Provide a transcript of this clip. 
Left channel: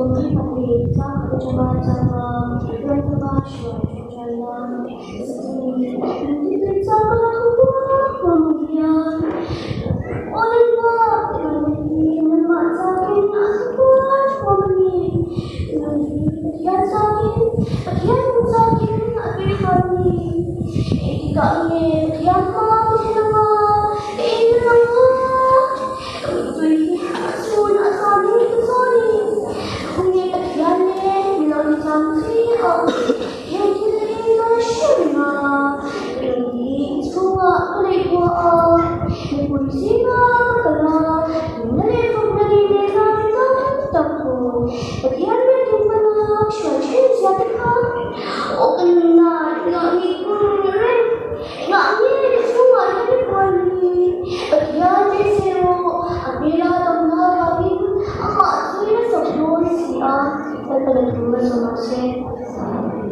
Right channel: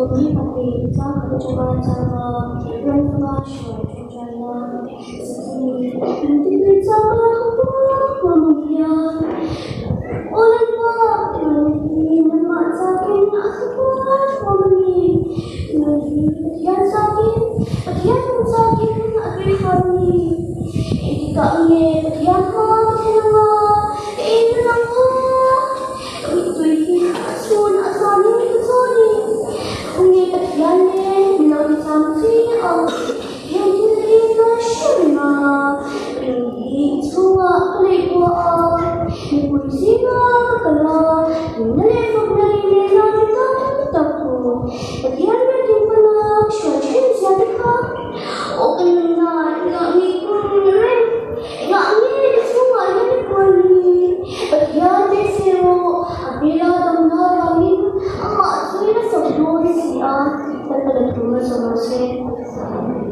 Wagi pati sa coba cara yang tengah jalan seperti tidak salah kemudian oleh ini memaksakan aku ini yang sakit akhir hari kami yang kenapa ini sun asani soni ungi takyane minori samsi au yenti mashuna ini sunga kalewa ni pusinga kala nale fogari mena taku takyane timpana shashkin siatika okna ngami kuren ngami sunga ni kwani takyane sero abila tamna kami ama suina sabdoni siya talaga sama siya